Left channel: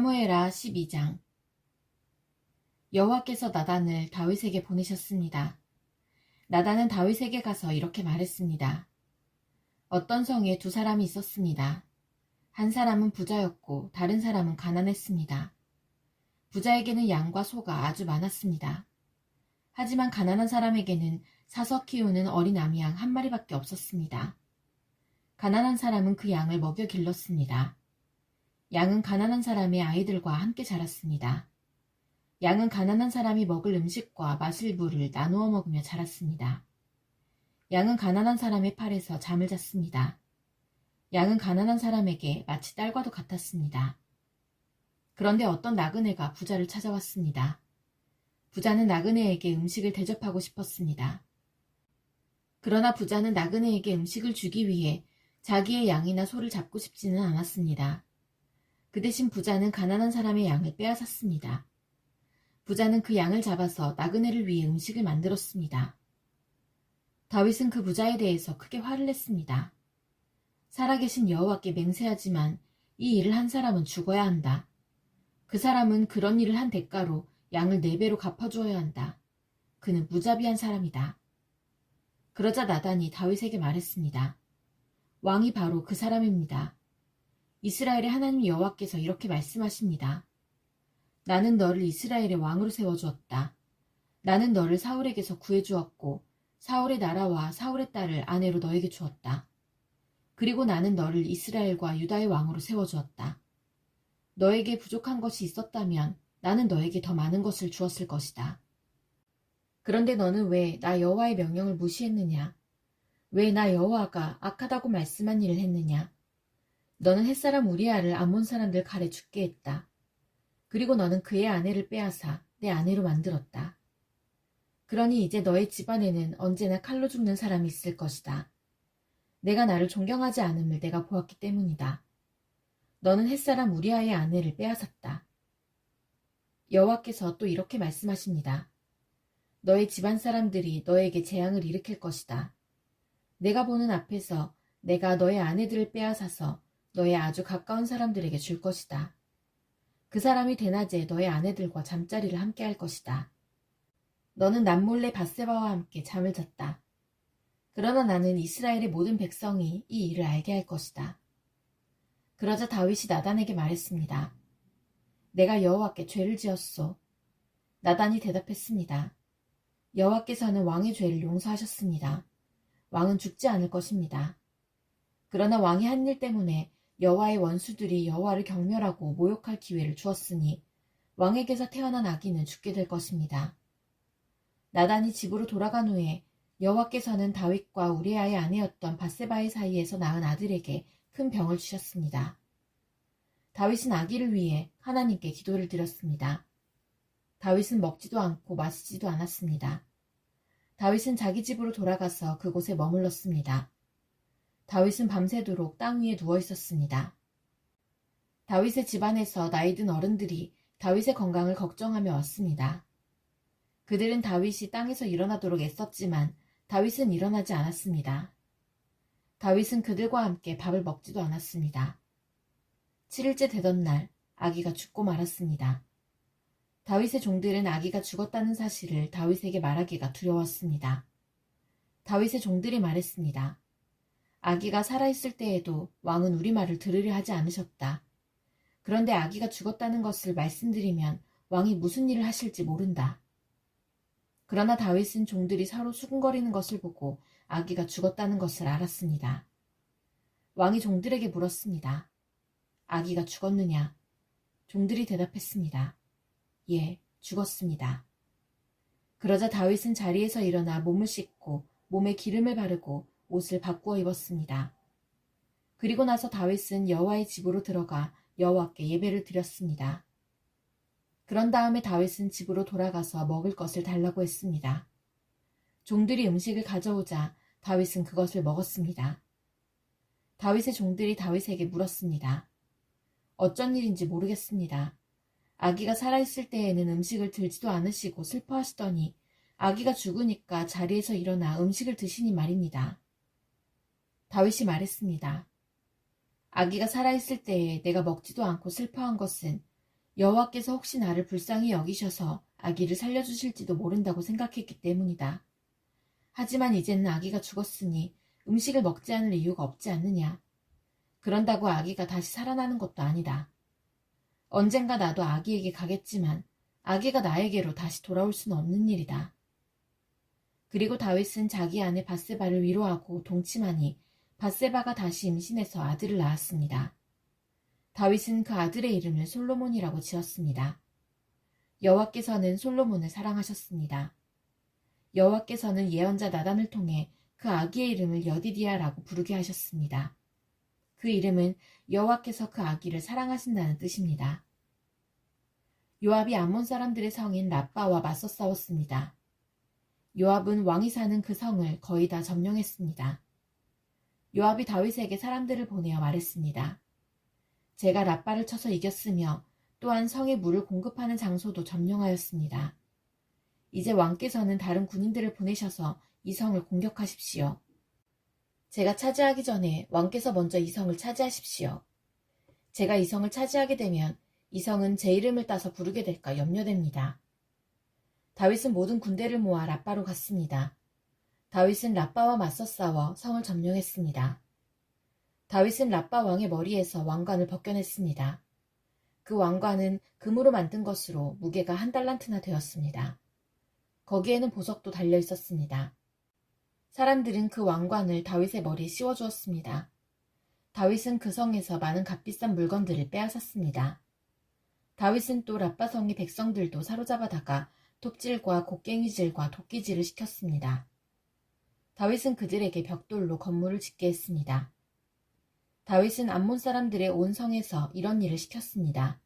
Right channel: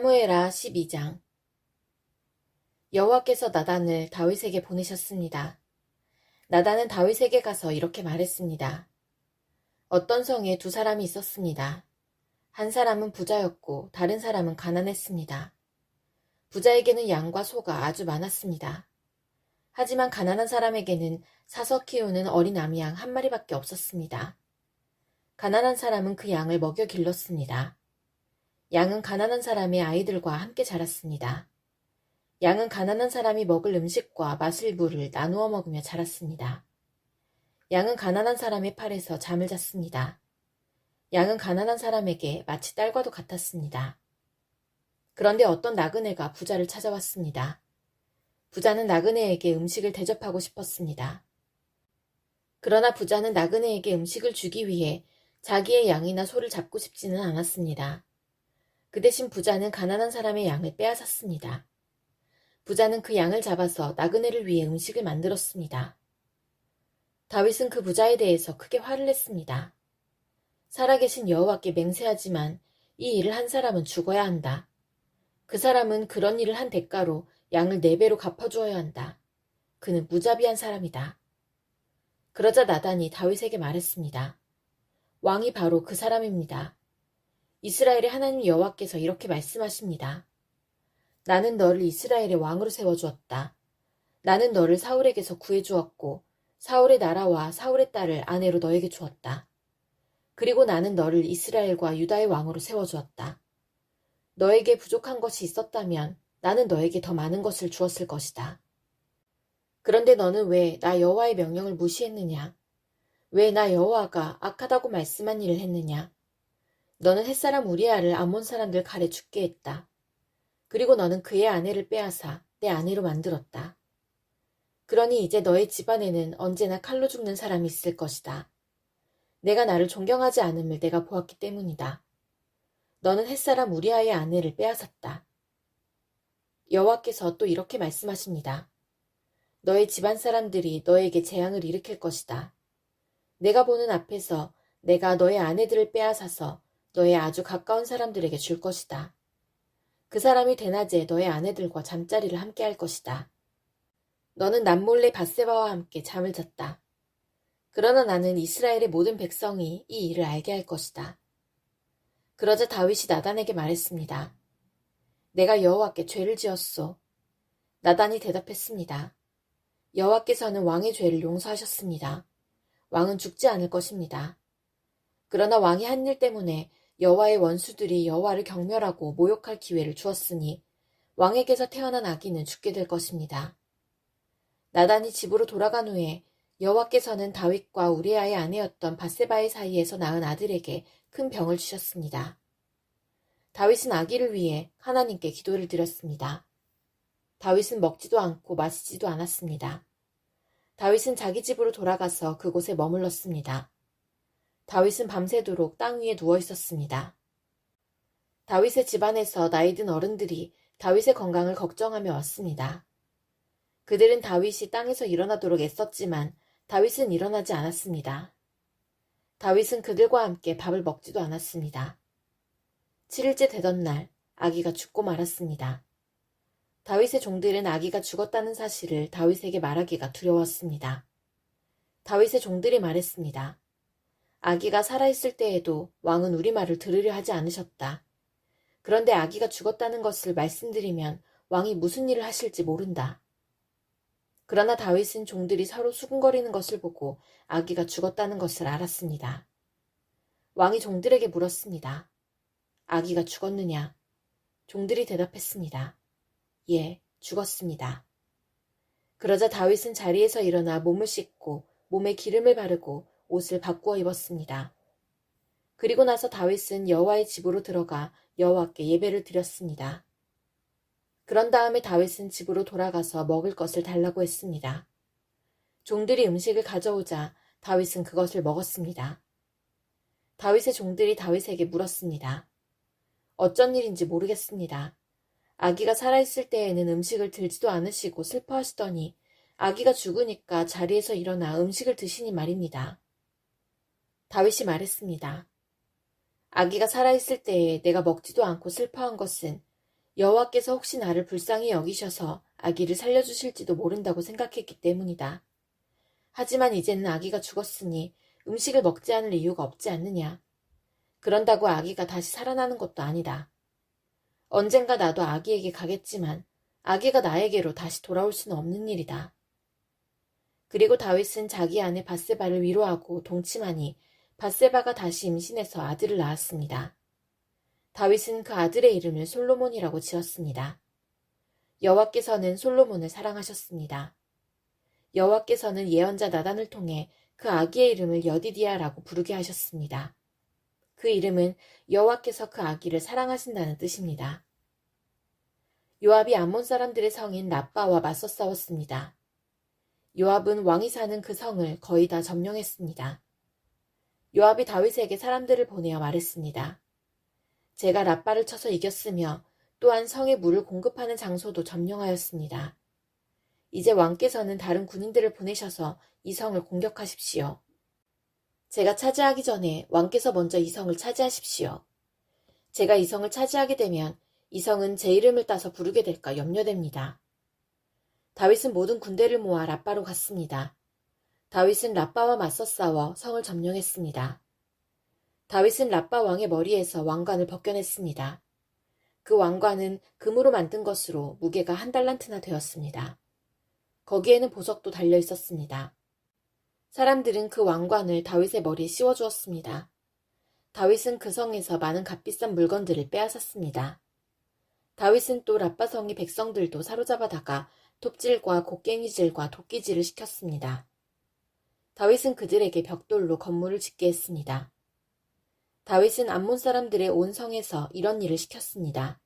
사무엘하 12장. 여호와께서 나단을 다윗에게 보내셨습니다. 나단은 다윗에게 가서 이렇게 말했습니다. 어떤 성에 두 사람이 있었습니다. 한 사람은 부자였고 다른 사람은 가난했습니다. 부자에게는 양과 소가 아주 많았습니다. 하지만 가난한 사람에게는 사서 키우는 어린 암양 한 마리밖에 없었습니다. 가난한 사람은 그 양을 먹여 길렀습니다. 양은 가난한 사람의 아이들과 함께 자랐습니다. 양은 가난한 사람이 먹을 음식과 마실 물을 나누어 먹으며 자랐습니다. 양은 가난한 사람의 팔에서 잠을 잤습니다. 양은 가난한 사람에게 마치 딸과도 같았습니다. 그런데 어떤 나그네가 부자를 찾아왔습니다. 부자는 나그네에게 음식을 대접하고 싶었습니다. 그러나 부자는 나그네에게 음식을 주기 위해 자기의 양이나 소를 잡고 싶지는 않았습니다. 그 대신 부자는 가난한 사람의 양을 빼앗았습니다. 부자는 그 양을 잡아서 나그네를 위해 음식을 만들었습니다. 다윗은 그 부자에 대해서 크게 화를 냈습니다. 살아계신 여호와께 맹세하지만 이 일을 한 사람은 죽어야 한다. 그 사람은 그런 일을 한 대가로 양을 4배로 갚아주어야 한다. 그는 무자비한 사람이다. 그러자 나단이 다윗에게 말했습니다. 왕이 바로 그 사람입니다. 이스라엘의 하나님 여호와께서 이렇게 말씀하십니다. 나는 너를 이스라엘의 왕으로 세워주었다. 나는 너를 사울에게서 구해주었고 사울의 나라와 사울의 딸을 아내로 너에게 주었다. 그리고 나는 너를 이스라엘과 유다의 왕으로 세워주었다. 너에게 부족한 것이 있었다면 나는 너에게 더 많은 것을 주었을 것이다. 그런데 너는 왜 나 여호와의 명령을 무시했느냐? 왜 나 여호와가 악하다고 말씀한 일을 했느냐? 너는 햇사람 우리아를 암몬 사람들 칼에 죽게 했다. 그리고 너는 그의 아내를 빼앗아 내 아내로 만들었다. 그러니 이제 너의 집안에는 언제나 칼로 죽는 사람이 있을 것이다. 내가 나를 존경하지 않음을 내가 보았기 때문이다. 너는 햇사람 우리아의 아내를 빼앗았다. 여호와께서 또 이렇게 말씀하십니다. 너의 집안 사람들이 너에게 재앙을 일으킬 것이다. 내가 보는 앞에서 내가 너의 아내들을 빼앗아서 너의 아주 가까운 사람들에게 줄 것이다. 그 사람이 대낮에 너의 아내들과 잠자리를 함께 할 것이다. 너는 남몰래 밧세바와 함께 잠을 잤다. 그러나 나는 이스라엘의 모든 백성이 이 일을 알게 할 것이다. 그러자 다윗이 나단에게 말했습니다. 내가 여호와께 죄를 지었소. 나단이 대답했습니다. 여호와께서는 왕의 죄를 용서하셨습니다. 왕은 죽지 않을 것입니다. 그러나 왕이 한 일 때문에 여호와의 원수들이 여호와를 경멸하고 모욕할 기회를 주었으니 왕에게서 태어난 아기는 죽게 될 것입니다. 나단이 집으로 돌아간 후에 여호와께서는 다윗과 우리아의 아내였던 밧세바의 사이에서 낳은 아들에게 큰 병을 주셨습니다. 다윗은 아기를 위해 하나님께 기도를 드렸습니다. 다윗은 먹지도 않고 마시지도 않았습니다. 다윗은 자기 집으로 돌아가서 그곳에 머물렀습니다. 다윗은 밤새도록 땅 위에 누워 있었습니다. 다윗의 집안에서 나이든 어른들이 다윗의 건강을 걱정하며 왔습니다. 그들은 다윗이 땅에서 일어나도록 애썼지만 다윗은 일어나지 않았습니다. 다윗은 그들과 함께 밥을 먹지도 않았습니다. 7일째 되던 날 아기가 죽고 말았습니다. 다윗의 종들은 아기가 죽었다는 사실을 다윗에게 말하기가 두려웠습니다. 다윗의 종들이 말했습니다. 아기가 살아있을 때에도 왕은 우리 말을 들으려 하지 않으셨다. 그런데 아기가 죽었다는 것을 말씀드리면 왕이 무슨 일을 하실지 모른다. 그러나 다윗은 종들이 서로 수군거리는 것을 보고 아기가 죽었다는 것을 알았습니다. 왕이 종들에게 물었습니다. 아기가 죽었느냐? 종들이 대답했습니다. 예, 죽었습니다. 그러자 다윗은 자리에서 일어나 몸을 씻고 몸에 기름을 바르고 옷을 바꾸어 입었습니다. 그리고 나서 다윗은 여호와의 집으로 들어가 여호와께 예배를 드렸습니다. 그런 다음에 다윗은 집으로 돌아가서 먹을 것을 달라고 했습니다. 종들이 음식을 가져오자 다윗은 그것을 먹었습니다. 다윗의 종들이 다윗에게 물었습니다. 어쩐 일인지 모르겠습니다. 아기가 살아있을 때에는 음식을 들지도 않으시고 슬퍼하시더니 아기가 죽으니까 자리에서 일어나 음식을 드시니 말입니다. 다윗이 말했습니다. 아기가 살아있을 때에 내가 먹지도 않고 슬퍼한 것은 여호와께서 혹시 나를 불쌍히 여기셔서 아기를 살려주실지도 모른다고 생각했기 때문이다. 하지만 이제는 아기가 죽었으니 음식을 먹지 않을 이유가 없지 않느냐. 그런다고 아기가 다시 살아나는 것도 아니다. 언젠가 나도 아기에게 가겠지만 아기가 나에게로 다시 돌아올 수는 없는 일이다. 그리고 다윗은 자기 아내 밧세바를 위로하고 동침하니 밧세바가 다시 임신해서 아들을 낳았습니다. 다윗은 그 아들의 이름을 솔로몬이라고 지었습니다. 여호와께서는 솔로몬을 사랑하셨습니다. 여호와께서는 예언자 나단을 통해 그 아기의 이름을 여디디아라고 부르게 하셨습니다. 그 이름은 여호와께서 그 아기를 사랑하신다는 뜻입니다. 요압이 암몬 사람들의 성인 라빠와 맞서 싸웠습니다. 요압은 왕이 사는 그 성을 거의 다 점령했습니다. 요압이 다윗에게 사람들을 보내어 말했습니다. 제가 라빠를 쳐서 이겼으며 또한 성에 물을 공급하는 장소도 점령하였습니다. 이제 왕께서는 다른 군인들을 보내셔서 이 성을 공격하십시오. 제가 차지하기 전에 왕께서 먼저 이 성을 차지하십시오. 제가 이 성을 차지하게 되면 이 성은 제 이름을 따서 부르게 될까 염려됩니다. 다윗은 모든 군대를 모아 라빠로 갔습니다. 다윗은 라빠와 맞서 싸워 성을 점령했습니다. 다윗은 라빠 왕의 머리에서 왕관을 벗겨냈습니다. 그 왕관은 금으로 만든 것으로 무게가 1달란트나 되었습니다. 거기에는 보석도 달려 있었습니다. 사람들은 그 왕관을 다윗의 머리에 씌워주었습니다. 다윗은 그 성에서 많은 값비싼 물건들을 빼앗았습니다. 다윗은 또 라빠 성의 백성들도 사로잡아다가 톱질과 곡괭이질과 도끼질을 시켰습니다. 다윗은 그들에게 벽돌로 건물을 짓게 했습니다. 다윗은 암몬 사람들의 온 성에서 이런 일을 시켰습니다.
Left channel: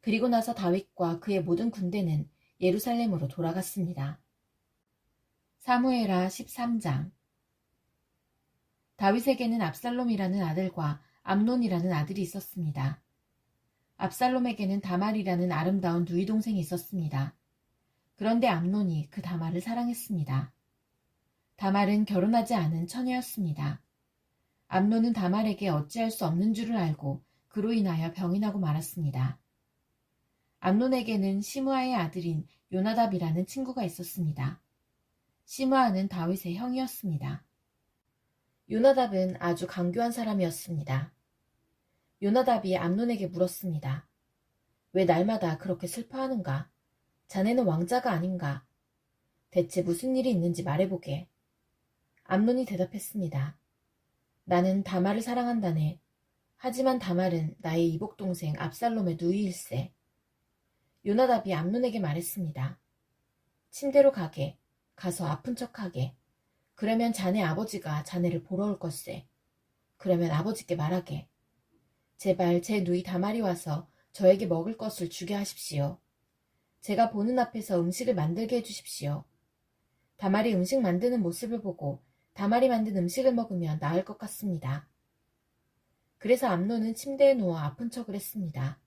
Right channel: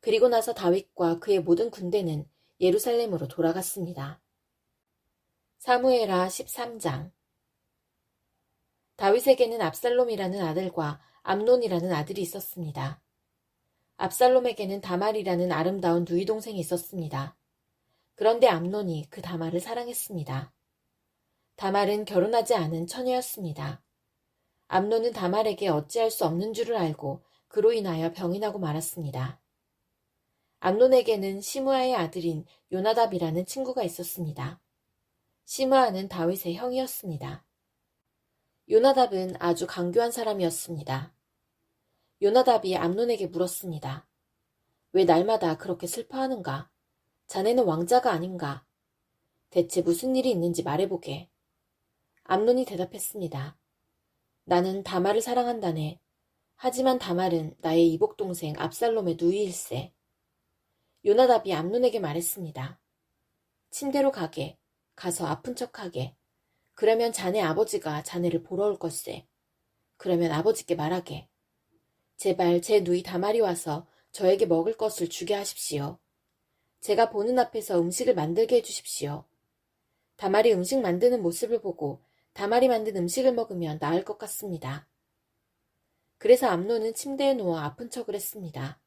그리고 나서 다윗과 그의 모든 군대는 예루살렘으로 돌아갔습니다. 사무엘하 13장. 다윗에게는 압살롬이라는 아들과 암논이라는 아들이 있었습니다. 압살롬에게는 다말이라는 아름다운 누이 동생이 있었습니다. 그런데 암논이 그 다말을 사랑했습니다. 다말은 결혼하지 않은 처녀였습니다. 암논은 다말에게 어찌할 수 없는 줄을 알고 그로 인하여 병이 나고 말았습니다. 암논에게는 시므아의 아들인 요나답이라는 친구가 있었습니다. 시므아는 다윗의 형이었습니다. 요나답은 아주 강교한 사람이었습니다. 요나답이 암논에게 물었습니다. 왜 날마다 그렇게 슬퍼하는가? 자네는 왕자가 아닌가? 대체 무슨 일이 있는지 말해보게. 암논이 대답했습니다. 나는 다말을 사랑한다네. 하지만 다말은 나의 이복동생 압살롬의 누이일세. 요나답이 암논에게 말했습니다. 침대로 가게. 가서 아픈 척하게. 그러면 자네 아버지가 자네를 보러 올 것세. 그러면 아버지께 말하게. 제발 제 누이 다말이 와서 저에게 먹을 것을 주게 하십시오. 제가 보는 앞에서 음식을 만들게 해주십시오. 다말이 음식 만드는 모습을 보고 다말이 만든 음식을 먹으면 나을 것 같습니다. 그래서 암논은 침대에 누워 아픈 척을 했습니다.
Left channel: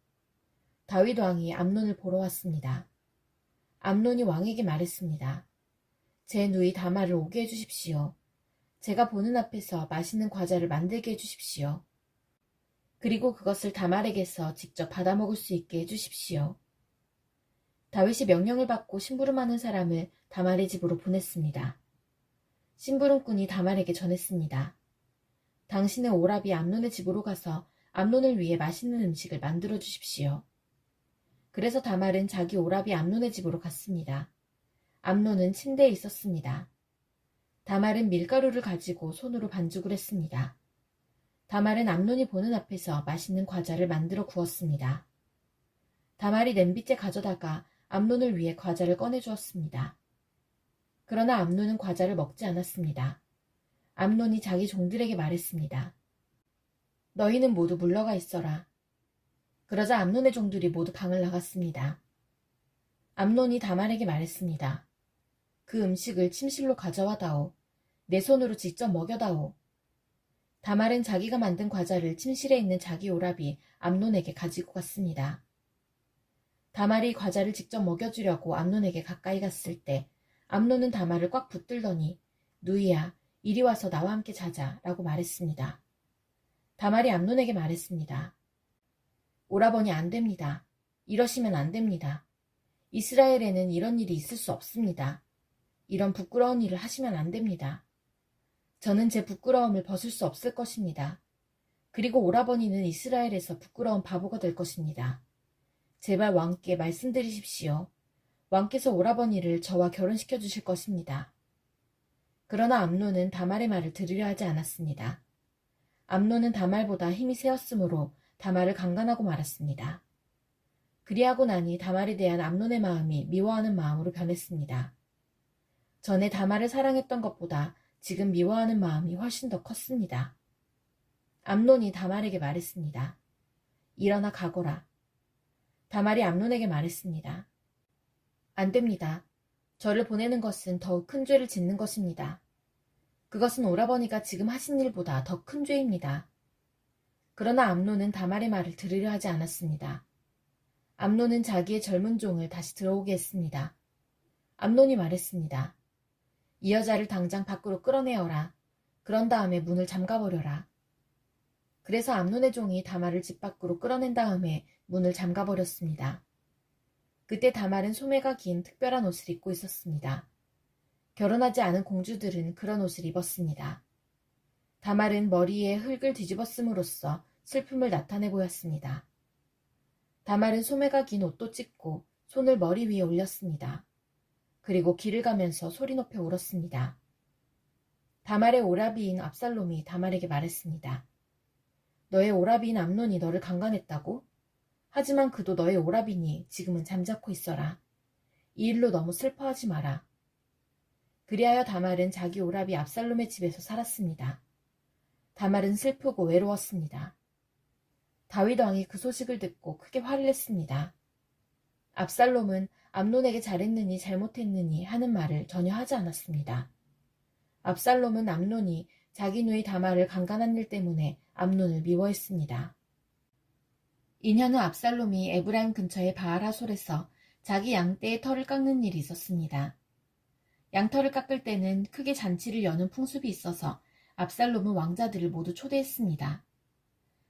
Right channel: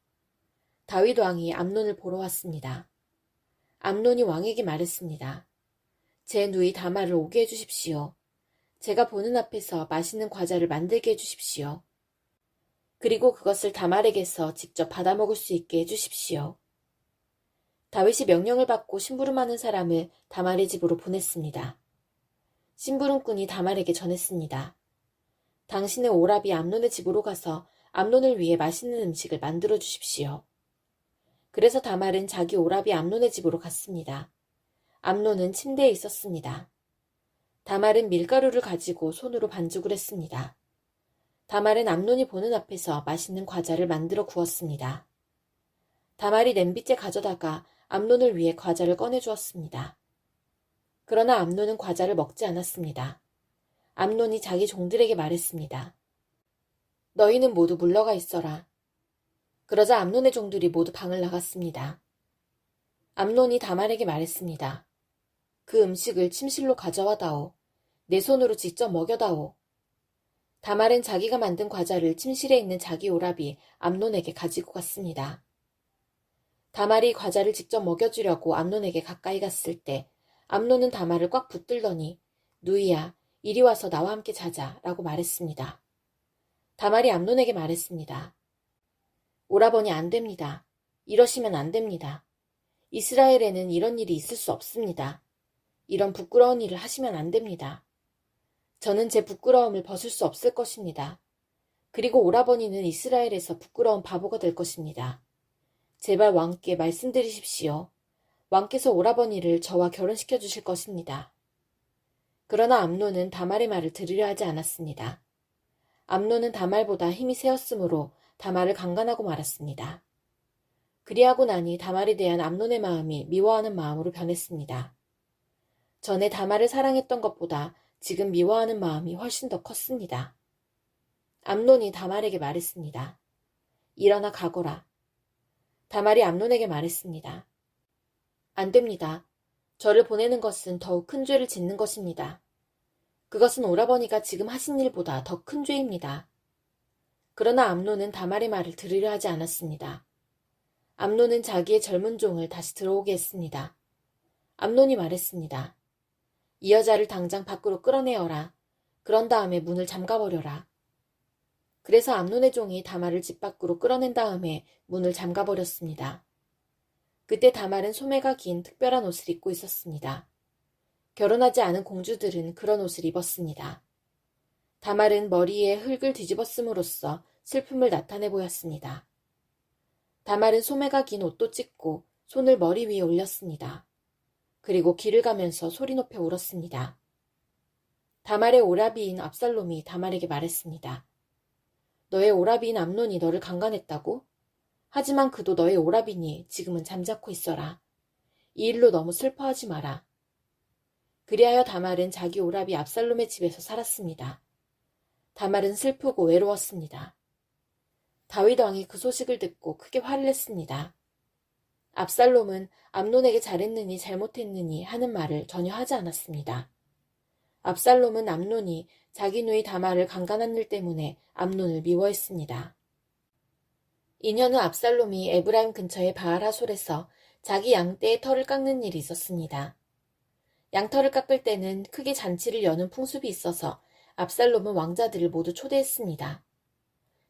다윗 왕이 암논을 보러 왔습니다. 암논이 왕에게 말했습니다. 제 누이 다말을 오게 해주십시오. 제가 보는 앞에서 맛있는 과자를 만들게 해주십시오. 그리고 그것을 다말에게서 직접 받아 먹을 수 있게 해주십시오. 다윗이 명령을 받고 심부름하는 사람을 다말의 집으로 보냈습니다. 심부름꾼이 다말에게 전했습니다. 당신의 오라비 암논의 집으로 가서 암논을 위해 맛있는 음식을 만들어 주십시오. 그래서 다말은 자기 오라비 암논의 집으로 갔습니다. 암논은 침대에 있었습니다. 다말은 밀가루를 가지고 손으로 반죽을 했습니다. 다말은 암논이 보는 앞에서 맛있는 과자를 만들어 구웠습니다. 다말이 냄비째 가져다가 암논을 위해 과자를 꺼내주었습니다. 그러나 암논은 과자를 먹지 않았습니다. 암논이 자기 종들에게 말했습니다. 너희는 모두 물러가 있어라. 그러자 암논의 종들이 모두 방을 나갔습니다. 암논이 다말에게 말했습니다. 그 음식을 침실로 가져와다오. 내 손으로 직접 먹여다오. 다말은 자기가 만든 과자를 침실에 있는 자기 오라비 암논에게 가지고 갔습니다. 다말이 과자를 직접 먹여주려고 암논에게 가까이 갔을 때 암논은 다말을 꽉 붙들더니 누이야, 이리 와서 나와 함께 자자 라고 말했습니다. 다말이 암논에게 말했습니다. 오라버니 안 됩니다. 이러시면 안 됩니다. 이스라엘에는 이런 일이 있을 수 없습니다. 이런 부끄러운 일을 하시면 안 됩니다. 저는 제 부끄러움을 벗을 수 없을 것입니다. 그리고 오라버니는 이스라엘에서 부끄러운 바보가 될 것입니다. 제발 왕께 말씀드리십시오. 왕께서 오라버니를 저와 결혼시켜 주실 것입니다. 그러나 암논은 다말의 말을 들으려 하지 않았습니다. 암논은 다말보다 힘이 세었으므로 다말을 강간하고 말았습니다. 그리하고 나니 다말에 대한 암논의 마음이 미워하는 마음으로 변했습니다. 전에 다말을 사랑했던 것보다 지금 미워하는 마음이 훨씬 더 컸습니다. 암논이 다말에게 말했습니다. 일어나 가거라. 다말이 암논에게 말했습니다. 안 됩니다. 저를 보내는 것은 더욱 큰 죄를 짓는 것입니다. 그것은 오라버니가 지금 하신 일보다 더 큰 죄입니다. 그러나 암논은 다말의 말을 들으려 하지 않았습니다. 암논은 자기의 젊은 종을 다시 들어오게 했습니다. 암논이 말했습니다. 이 여자를 당장 밖으로 끌어내어라. 그런 다음에 문을 잠가버려라. 그래서 암논의 종이 다말을 집 밖으로 끌어낸 다음에 문을 잠가버렸습니다. 그때 다말은 소매가 긴 특별한 옷을 입고 있었습니다. 결혼하지 않은 공주들은 그런 옷을 입었습니다. 다말은 머리에 흙을 뒤집었음으로써 슬픔을 나타내 보였습니다. 다말은 소매가 긴 옷도 찢고 손을 머리 위에 올렸습니다. 그리고 길을 가면서 소리 높여 울었습니다. 다말의 오라비인 압살롬이 다말에게 말했습니다. 너의 오라비인 암논이 너를 강간했다고? 하지만 그도 너의 오라비니 지금은 잠자코 있어라. 이 일로 너무 슬퍼하지 마라. 그리하여 다말은 자기 오라비 압살롬의 집에서 살았습니다. 다말은 슬프고 외로웠습니다. 다윗 왕이 그 소식을 듣고 크게 화를 냈습니다. 압살롬은 암논에게 잘했느니 잘못했느니 하는 말을 전혀 하지 않았습니다. 압살롬은 암논이 자기 누이 다말을 강간한 일 때문에 암논을 미워했습니다. 2년 후 압살롬이 에브라임 근처의 바알하솔에서 자기 양떼의 털을 깎는 일이 있었습니다. 양털을 깎을 때는 크게 잔치를 여는 풍습이 있어서 압살롬은 왕자들을 모두 초대했습니다.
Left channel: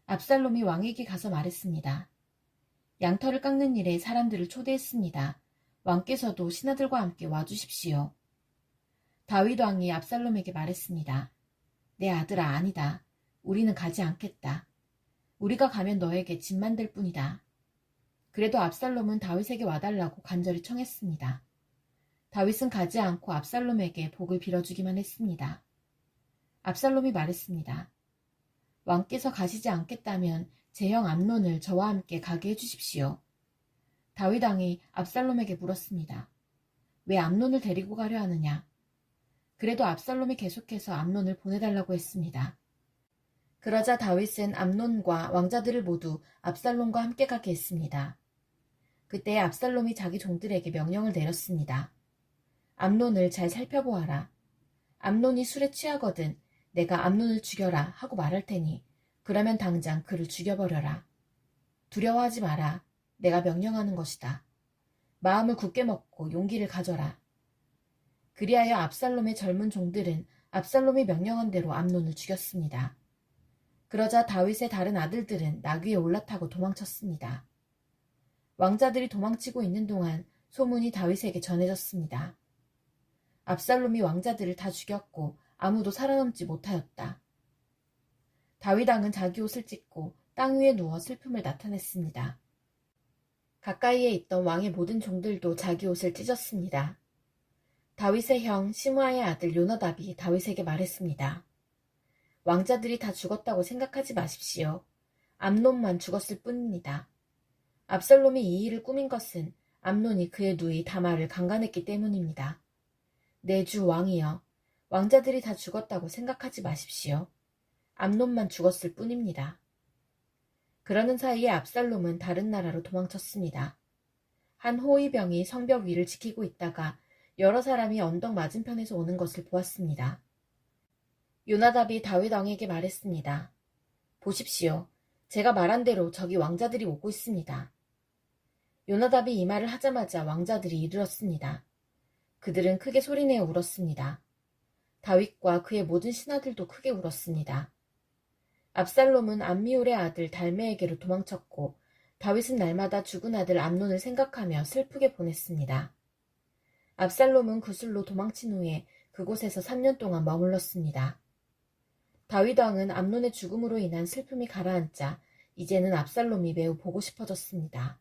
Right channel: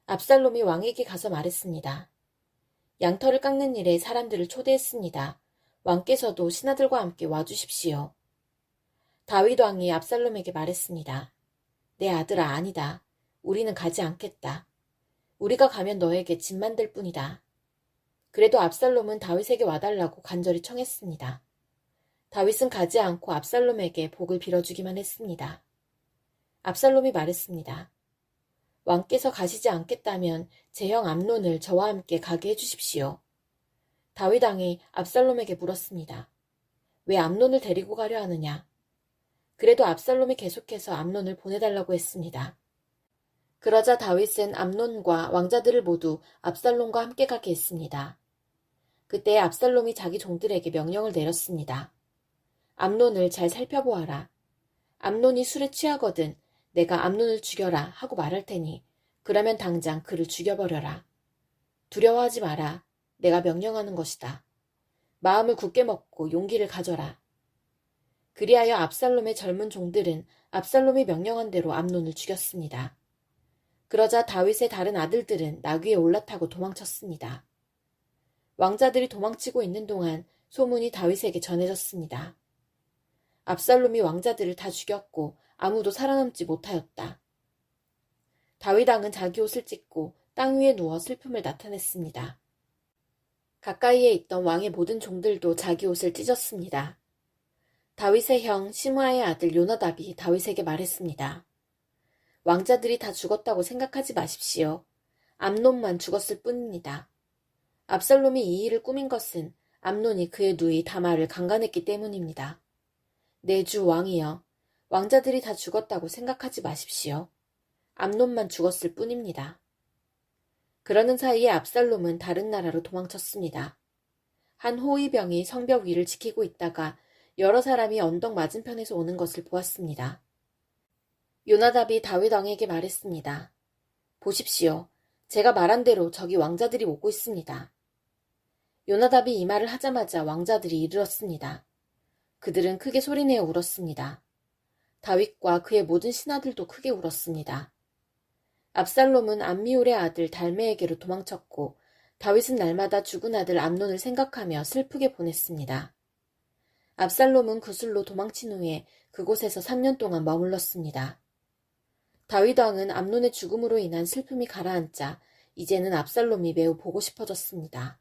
압살롬이 왕에게 가서 말했습니다. 양털을 깎는 일에 사람들을 초대했습니다. 왕께서도 신하들과 함께 와주십시오. 다윗 왕이 압살롬에게 말했습니다. 내 아들아, 아니다. 우리는 가지 않겠다. 우리가 가면 너에게 짐만 될 뿐이다. 그래도 압살롬은 다윗에게 와달라고 간절히 청했습니다. 다윗은 가지 않고 압살롬에게 복을 빌어주기만 했습니다. 압살롬이 말했습니다. 왕께서 가시지 않겠다면 제 형 암논을 저와 함께 가게 해주십시오. 다윗 왕이 압살롬에게 물었습니다. 왜 암논을 데리고 가려 하느냐? 그래도 압살롬이 계속해서 암논을 보내달라고 했습니다. 그러자 다윗은 암논과 왕자들을 모두 압살롬과 함께 가게 했습니다. 그때 압살롬이 자기 종들에게 명령을 내렸습니다. 암논을 잘 살펴보아라. 암논이 술에 취하거든 내가 암논을 죽여라 하고 말할 테니 그러면 당장 그를 죽여버려라. 두려워하지 마라. 내가 명령하는 것이다. 마음을 굳게 먹고 용기를 가져라. 그리하여 압살롬의 젊은 종들은 압살롬이 명령한 대로 암논을 죽였습니다. 그러자 다윗의 다른 아들들은 나귀에 올라타고 도망쳤습니다. 왕자들이 도망치고 있는 동안 소문이 다윗에게 전해졌습니다. 압살롬이 왕자들을 다 죽였고 아무도 살아남지 못하였다. 다윗 왕은 자기 옷을 찢고 땅 위에 누워 슬픔을 나타냈습니다. 가까이에 있던 왕의 모든 종들도 자기 옷을 찢었습니다. 다윗의 형 시므아의 아들 요나답이 다윗에게 말했습니다. 왕자들이 다 죽었다고 생각하지 마십시오. 암논만 죽었을 뿐입니다. 압살롬이 이 일을 꾸민 것은 암논이 그의 누이 다말을 강간했기 때문입니다. 내 주 왕이여, 왕자들이 다 죽었다고 생각하지 마십시오. 암논만 죽었을 뿐입니다. 그러는 사이에 압살롬은 다른 나라로 도망쳤습니다. 한 호위병이 성벽 위를 지키고 있다가 여러 사람이 언덕 맞은편에서 오는 것을 보았습니다. 요나답이 다윗 왕에게 말했습니다. 보십시오. 제가 말한 대로 저기 왕자들이 오고 있습니다. 요나답이 이 말을 하자마자 왕자들이 이르렀습니다. 그들은 크게 소리내어 울었습니다. 다윗과 그의 모든 신하들도 크게 울었습니다. 압살롬은 암미울의 아들 달메에게로 도망쳤고 다윗은 날마다 죽은 아들 암논을 생각하며 슬프게 보냈습니다. 압살롬은 구슬로 도망친 후에 그곳에서 3년 동안 머물렀습니다. 다윗 왕은 암논의 죽음으로 인한 슬픔이 가라앉자 이제는 압살롬이 매우 보고 싶어졌습니다.